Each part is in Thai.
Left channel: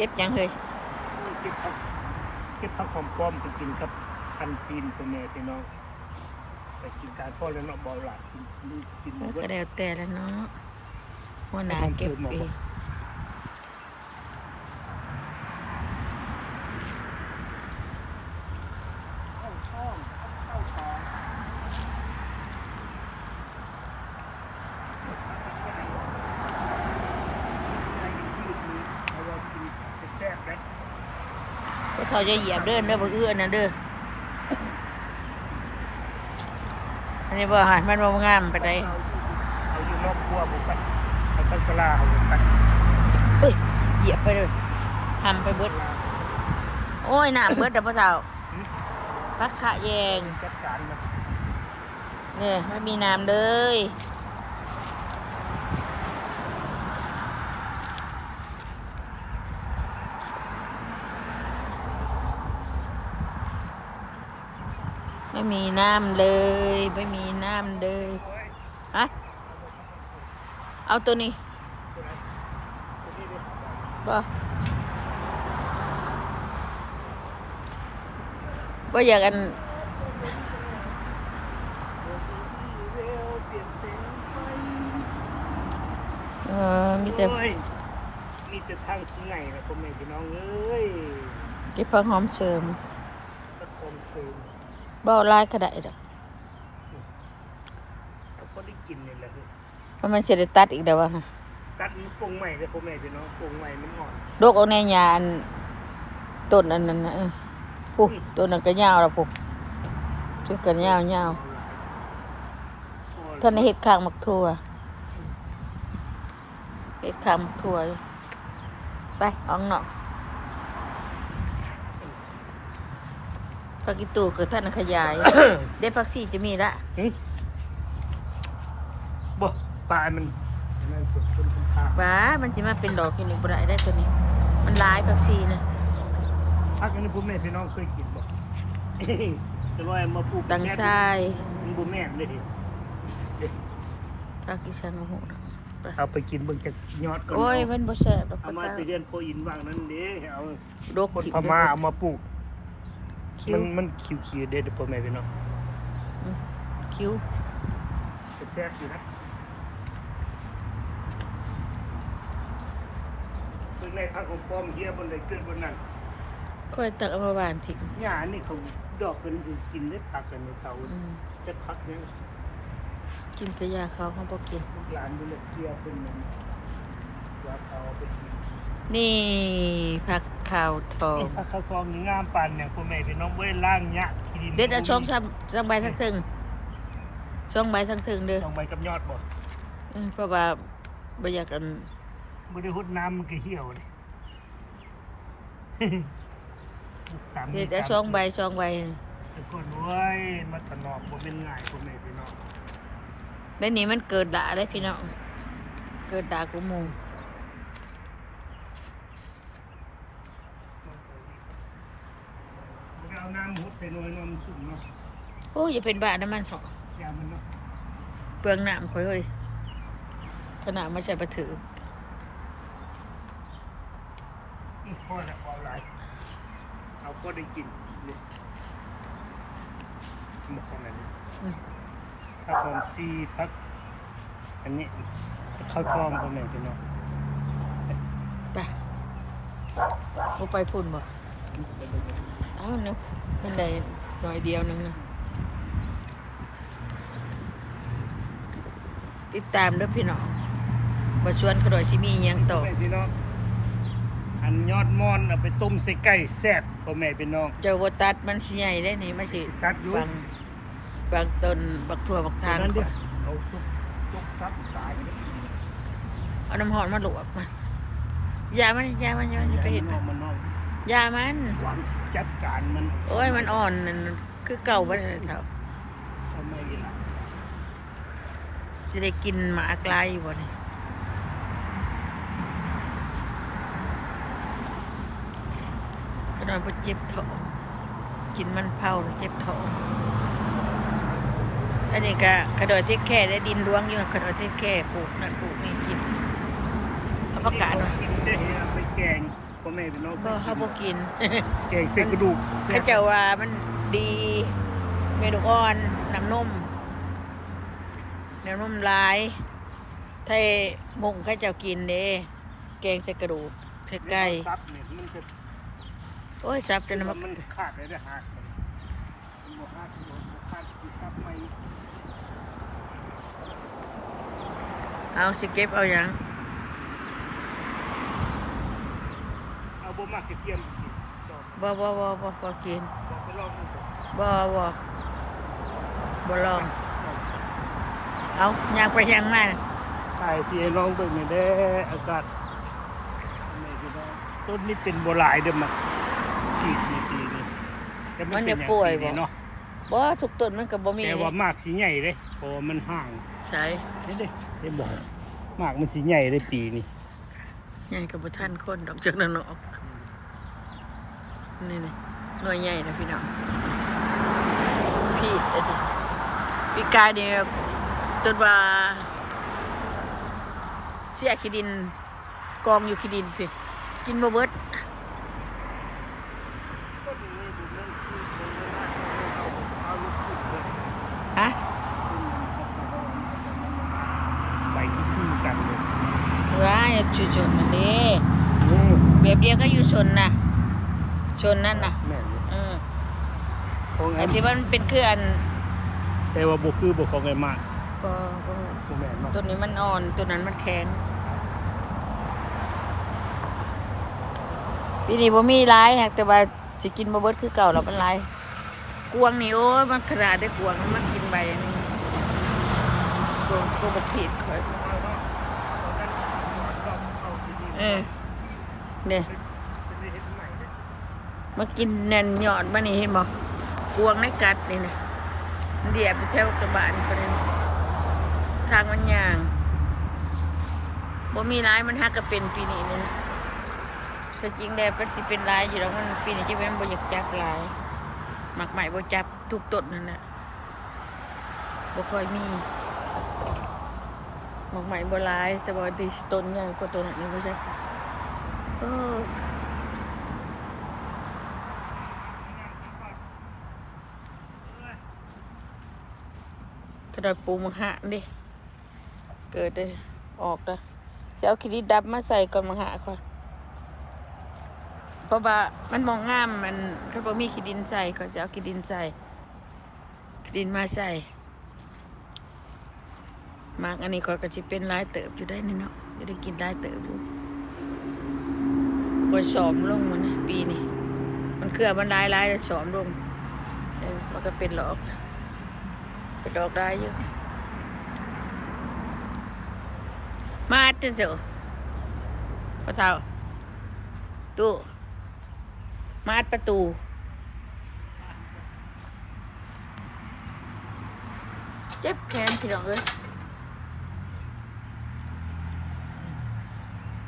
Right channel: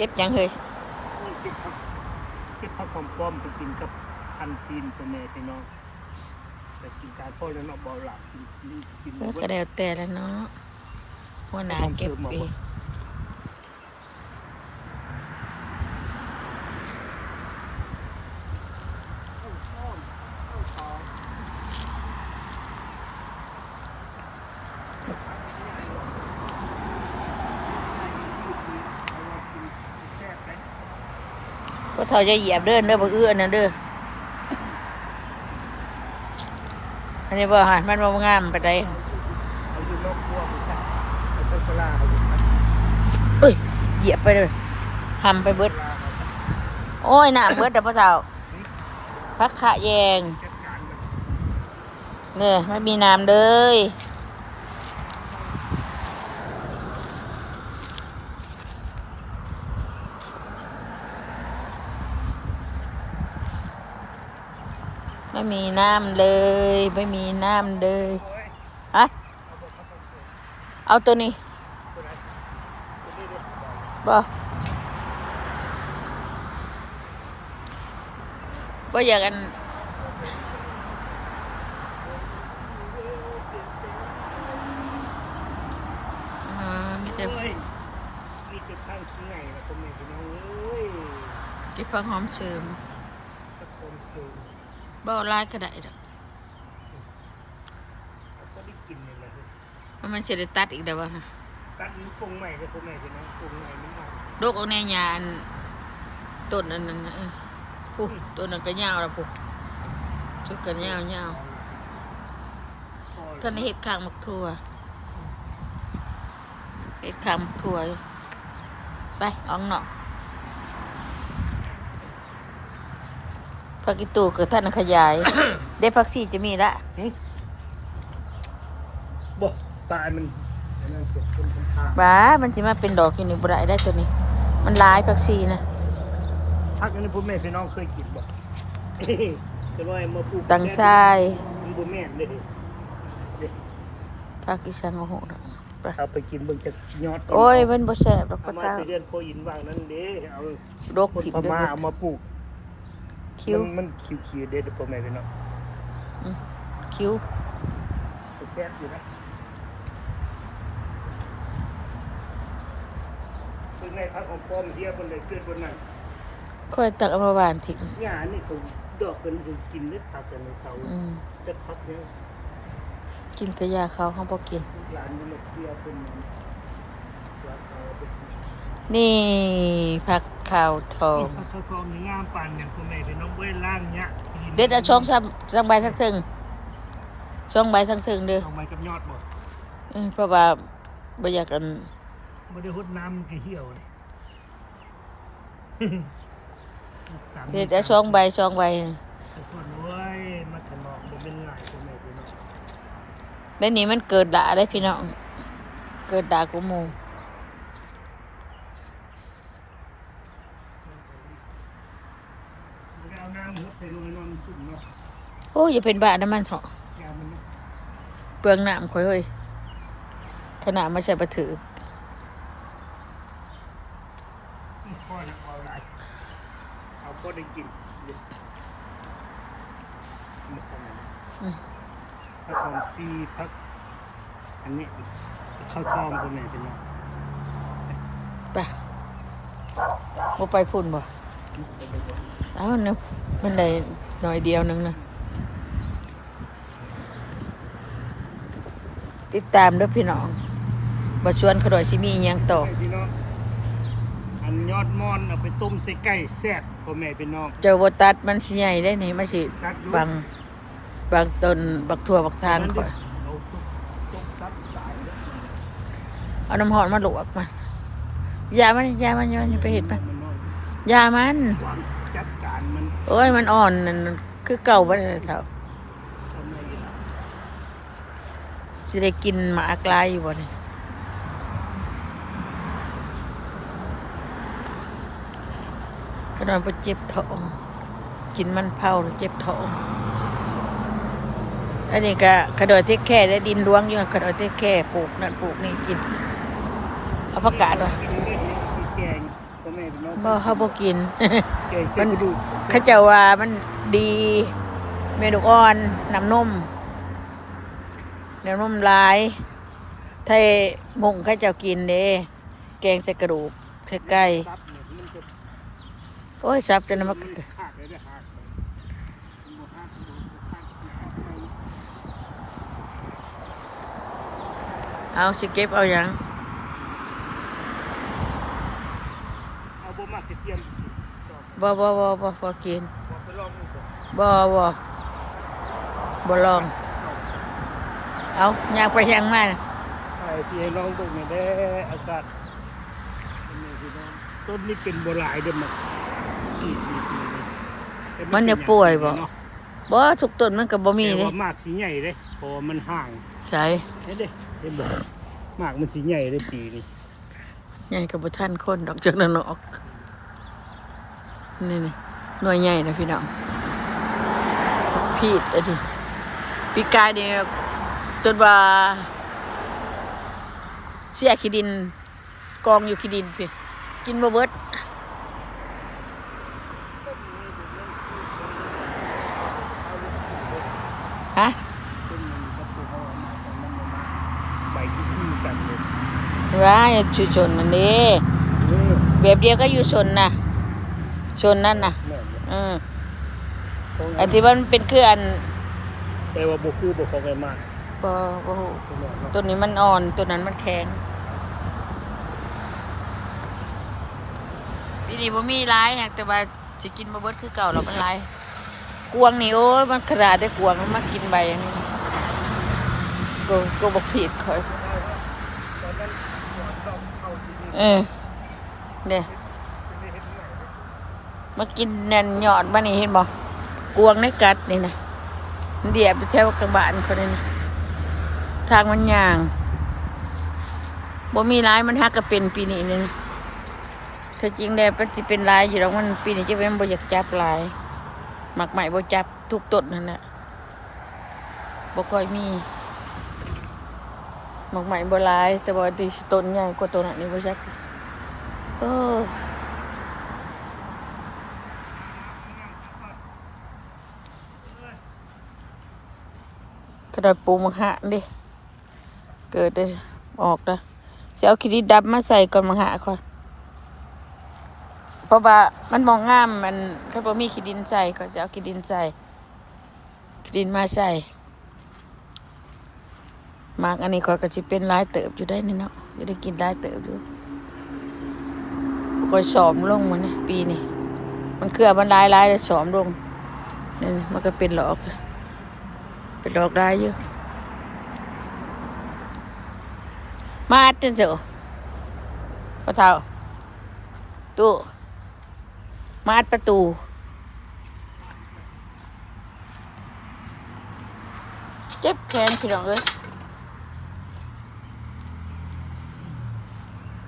เก็บยังเฮ้ยโอ้ยเก็บผักหอมป้อมไปกินกับพันซีนพ่อแม่พี่น้องไปกินการพ่อแล้วเนาะบ่หลับกินแล้วเบิดก็แล้วแต่แล้วเนาะหัวหน้าเก็บเองข้าวต้มข้าวตองผักใหญ่ใหญ่ดีเอาไว้กินแซ่บๆเลย ก็เท่าจะเหยียบเด้อเด้อบ่เอื้อนั่นเด้ออันนี้บ่อาหารมันบ่งามปานใดเอาอยู่นอกครัวบุกไปมันต้องสลาเอาบุกไป เอ้ยเหยียบไปเลยทำไปเบิดโอ้ยน้ำเบิดเด้อพ่อเฒ่าพักขะแยง จัดการมัน นี่ไม่มีน้ำเลยไม่มีน้ำเลยไม่มีน้ำเลยฮะเอาตัวนี้บ่บ่อยากกันมีแต่ มีแต่ทางที่ไหนนะพ่อแม่พี่น้องเอ้ย เก็บผักหอมเสริม ตะคมซึม บ่ลายก็ได้ดอก เราก็ได้กินนี่แหละคือมันสิได้ตัดอีกแล้วว่ะ ตัดมันปรุงใหม่เลยพ่อแม่พี่น้องปรุงใหม่มันอ่อน ดกเอาแน่ยาอันต้นอันนั้นน่ะปุ๊บต้นนั้นก็ยาวแล้วปุ๊บจุกกันยาวท่านเฮ็ดข้างมักทั่วเฮ็ดข้างมักทั่วอยู่ไปออกนอกผักอีตู่ก็ท่านขยาย ได้ผักชีจะมีละ บ่ปลามันนั่นสุดต้นปลา บ้ามันสิมาเป็นดอกอยู่นี่บ่ได้ตัวนี้มันหลายผักชีนะ พักนี้พ่อแม่พี่น้องเคยกินบ่แต่ว่ามาปลูก ตังชาย มันบ่แม่นเลย ผักอีสังโอ้โหไป เอาไปกินเบิ่งจะยอดก่อน โอ้ยมันบ่แซ่บดอก เอา ปะ มา ตา ไปเรียนโพอินว่างนั้นเด้เอา ดก คน ถิ่ม พ ได้ ม่า หมด เอามาปลูก คิ้ว มันคิวๆเด้พ่อแม่พี่น้อง คิ้ว แซ่บอยู่นะคือในพักของต้มเฮียบนเลยเกิดบนนั้น ค่อยตักเอามาหวานทิ้ง หญ้านี่เขาดอกเป็นกินได้ตักกันในเขาจะพักยัง กินกระยาเขาเขาบ่กิน ร้านนี้มันเสียเป็นมันเสียเขาไปกิน นี่ผักข้าวทอง ถ้าข้าวทองนี่งามปานอย่างพ่อแม่พี่น้องบ่ได้ล้างหญ้าขี้ดิน เด็ดเอาช่องซ้ำใบสักถึงช่องใบสักถึงเด้อ เอาไว้กับยอดบ่ เพราะว่าบ่อยากกัน บ่ได้หดน้ำมันก็เหี่ยวเลย เด็ดเอาช่องใบ ทุกคนเว้ยมาถนอมบ่เป็นง่ายพ่อแม่พี่น้อง แล้วนี่มันเกิดด่าได้พี่น้องเกิดด่ากูหมู่ บ่ได้เอาน้ำมุดใส่หน่วยนอนสุ่มเนาะ โอ้ยอย่าเป็นบ้าน้ำมันเถอะ ยามมันเนาะ เปลืองน้ำข่อยเฮ้ยขนาดไม่ใช่ปลาถือ พ่อน่ะเอาหลายเอาพอได้กินอยู่หมดกันเลยผักหอมซีผักอันนี้ข้าวทองพ่อแม่พี่น้อง ไปบ่ไปพุ่นบ่เอ้าเนี่ยมันได้หน่อยเดียวนึงนะติดตามเด้อพี่น้องบ่ชวนเขาดอยสิมีอิหยังต่อ พ่อแม่พี่น้องอันยอดมอนเอาไปต้มใส่ไก่แซ่บพ่อแม่พี่น้อง เจ้าบ่ตัดมันสิใหญ่ได้นี่มันสิ ตัดอยู่ บางต้นบักทั่วบักทาน นั้นดิ ข่อย เอาทุกซับสายเนี่ย เอาน้ำร้อนมาลวกมันยามันย้อนไปเฮ็ดมัน มันน้อย ยามัน ความจัดการมัน โอ้ยมันอ่อนนั่นคือเก่าบ่ได้เท่า ทำไมล่ะ สิได้กินหมากลายอยู่บ่นี่ก็นอนบ่เจ็บท้องกินมันเผาแล้วเจ็บท้องอันนี้ก็กระโดดเทคแค่ได้ดินรวงอยู่กระโดดเทคแค่ปลูกนั่นปลูกนี่กินเอาผักกาดเนาะ กินได้เอาไปแกง พ่อแม่พี่น้อง บ่เขาบ่กิน แกงใส่กระดูก เขาเจ้าว่ามันดีเมนูอ่อนน้ำนมหลายไทยมุงเขาเจ้ากินเด้แกงใส่กระดูกใส่ไก่ ซับเนี่ยมันจะ โอ้ยสับจนมัน ขาดเลยได้หักมันบ่หักมันบ่ขาดคือซับไม่ เอาสิเก็บเอาหยัง เอาบ่มากกระเทียมกินดอก บ่กิน บอกไปลองดูก่อน บ่ลองเอาอยากไปยังมา ถ่ายที่ให้น้องเบิ่งเนี่ยเด้ออากาศทำไมพี่น้องต้นนี้เป็นโบราณเด้อมัก4ปีนี่แต่ มัน เป็ จะ น ป่วย อ บ่ งนี้เนาะ บ่ทุกต้นมันก็บ่มี แต่ เด้ ว่ามากสีใหญ่เลยเพราะว่ามันห่าง ใช่ นี่เด้เห็นบ่มากมันสีใหญ่เลยปีนี้ ใหญ่กับบ่ทันคนดอกจักนั้นออกนี่หน่วยใหญ่นะพี่น้องพีดอะดิปีกายเนี่ยจนว่าเสียขี้ดินกองอยู่ขี้ดินพี่กินบ่เบิดฮะ ต้นมันก็ตัวเขาเอามาจากน้ำมันมาใบที่ขี้กันเลย ร้ายชุชนนั่นเด้แบบเดียวก็อยู่ชนน่ะชนนั่นน่ะ แม่เนี่ย อันที่มันเป็นเครืออัน แต่ว่าบ่คือบ่ของไอ้มาก บ่ ของแม่เนี่ย ตัวนี้มันอ่อนตัวนั้นมันแข็งปีนี้บ่มีหลายนะแต่ว่าสิกินบ่เบิดคือเก่าแล้วมันหลายกวางนี่โอ้ยมันขนาดได้กวางมันมากินใบอันนี้ก็บ่ผิดค่อยเนี่ย เป็นได้เฮ็ดใหม่เลย มากินแน่นยอดมานี่เห็นบ่กวางในกัดนี่นะมันเดียบไปแถวกระบาลคนนี้นะทางมันย่างบ่มีหลายมันฮักก็เป็นปีนี้นี่นะถ้าจริงแล้วมันสิเป็นหลายอยู่แล้วมันปีนี้จะเป็นบ่อยากจับหลายหมักใหม่บ่จับทุกต้นนั่นแหละบ่ค่อยมีหมักใหม่บ่หลายแต่ว่าดีต้นใหญ่กว่าต้นนั้นนี่บ่จักเออ กระดาษปูมังหะดิเกิดได้ออกนะจะเอาขี้ดินดำมาใส่ก่อนมังหะก่อนเพราะว่ามันมองงามมันเขาบอกมีขี้ดินใส่ก็จะเอาขี้ดินใส่ขี้ดินมาใส่มากอันนี้ก็จะเป็นลายเติบอยู่ได้นี่เนาะจะได้กินได้เติบอยู่คอยสอมลงมันนี่ปีนี้มันเครือมันลายเลยสอมลงนี่มันก็เป็นหลอกเป็นดอกได้เยอะมาอัดจังเสียวพอเท่าตู้มาอัดประตูเจ็บแขนพี่น้องเลย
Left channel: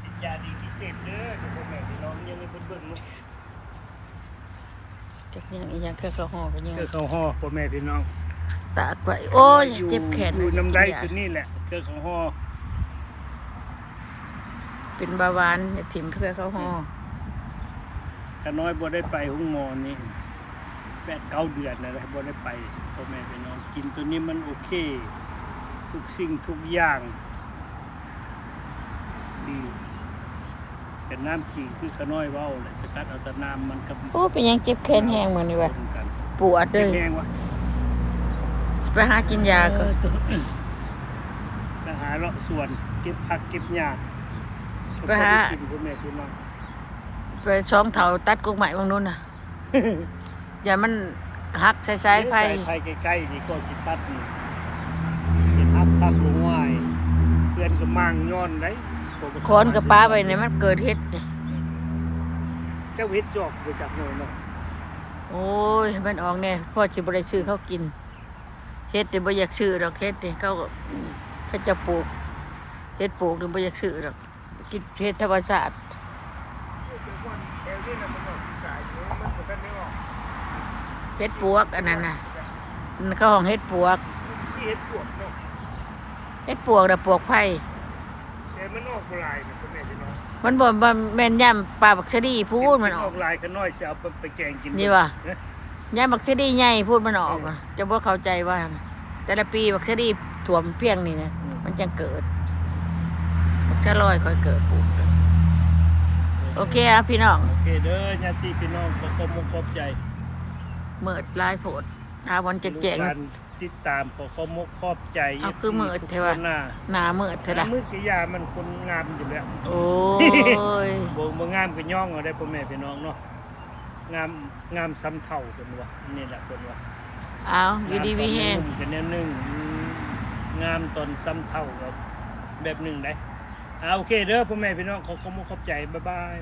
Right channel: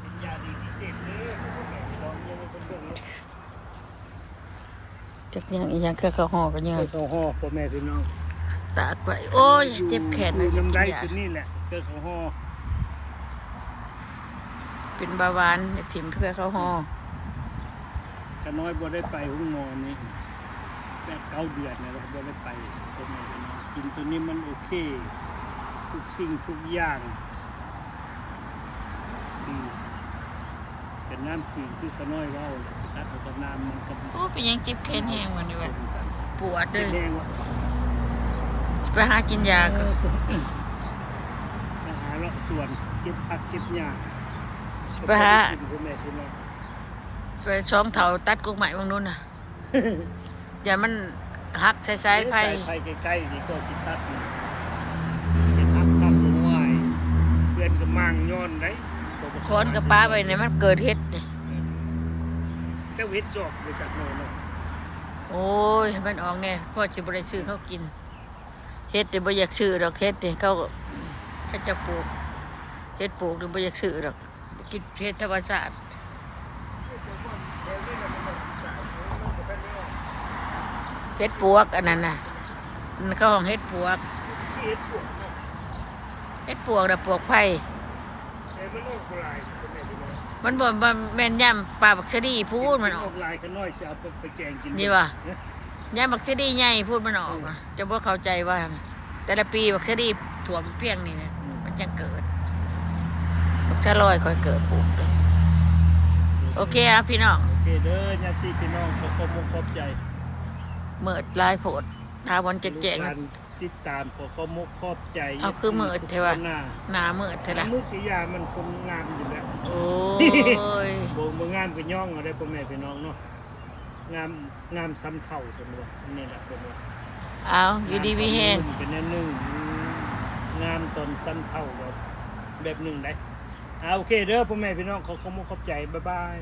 เป็นยาดีพิเศษเด้อทุกคนแม่พี่น้องยังมีคนเบิ่งลูก จักยังอีกอย่างแค่ข้าวห่อกันยัง เกลือข้าวห่อพ่อแม่พี่น้อง ตากไปโอ้ยเจ็บแขน อยู่น้ำได้ กิยา คือนี่แหละเกลือข้าวห่อ เป็นเบาหวานอย่าถิ่มเพื่อข้าวห่อ ขาน้อยบ่ได้ไปห้องหมอนี่8-9 เดือนนะบ่ได้ไปพ่อแม่พี่น้องกินตัวนี้มันโอเค ทุกสิ่งทุกอย่างดีเป็นน้ำขิงคือขาน้อยเว้าแหละสกัดเอาแต่น้ำมันกับ โอ้เป็นยังเจ็บแขนแห้งเหมือนนี่วะ รวมกัน ปวดเด้ เป็น อ แห้งวะ ไปหากินยาก่อน ไปหาเลาะสวนเก็บผักเก็บหญ้า ไปหา กินพ่อแม่พี่น้อง ไปช่องเถาตัดกกใหม่ตรงนู้นน่ะ อย่ามันหักใส่ๆไผ่ ไผ่ใกล้ๆนี่ก็สิตัดนี่สิตัดลงไว้เพื่อนก็มั่งย้อนได้ คอนกับป้าไปเนี่ยมันเกิดเฮ็ดนี่ เจ้าเฮ็ดซอกไปจากโน่นเนาะ โอ้ยมันออกเนี่ยพ่อสิบ่ได้ซื้อเขากินเฮ็ดแต่บ่อยากซื้อดอกเฮ็ดนี่เขาจะปลูกเฮ็ดปลูกนี่บ่อยากซื้อดอกกินเฮ็ดธรรมชาติ แถวนี้น่ะมันออกที่สายโน้นมันบ่ทันได้ออก เฮ็ดปวกอันนั้นน่ะมันเขาห้องเฮ็ดปวก ที่เฮ็ดปวดเนาะ เฮ็ดปวกน่ะปวกไผ่ แต่มันออกบ่หลายนะพ่อแม่พี่น้อง มันบ่แม่นย่ำปลาบักชะดีพูดมันออก ลายขน้อยสิเอาไปแกงกิน นี่ว่ะ เอ๊ะ ย่ำบักชะดีใหญ่พูดมันออกอะจะบ่เข้าใจว่า แต่ละปีบักชะดีถ่วมเพียงนี่นะมันจังเกิดบักชะลอยค่อยเกิดปลูกเด้อโอเคอ่ะพี่น้อง โอเคเด้อญาติพี่น้องขอความขอบใจ เมิดลายโพดหาวันจะแจง ลูกหลานติดตามขอความขอบใจ เอาคือมืดเทวะ ทุกคนหน้า หนาเมิดเถอะล่ะ มืดกิยามันคนงามอยู่แล้ว โอ้ย บ่งามก็ย่องเอาได้พ่อแม่พี่น้องเนาะงามซ้ำเท่าเพิ่นว่าอันนี้แหละเพิ่นว่า เอาอยู่ดีมีแห้ง งามตอนกันแนวหนึงงามตอนซ้ำเท่ากับแบบหนึงได้เอาโอเคเด้อพ่อแม่พี่น้องขอความขอบใจบ๊ายบาย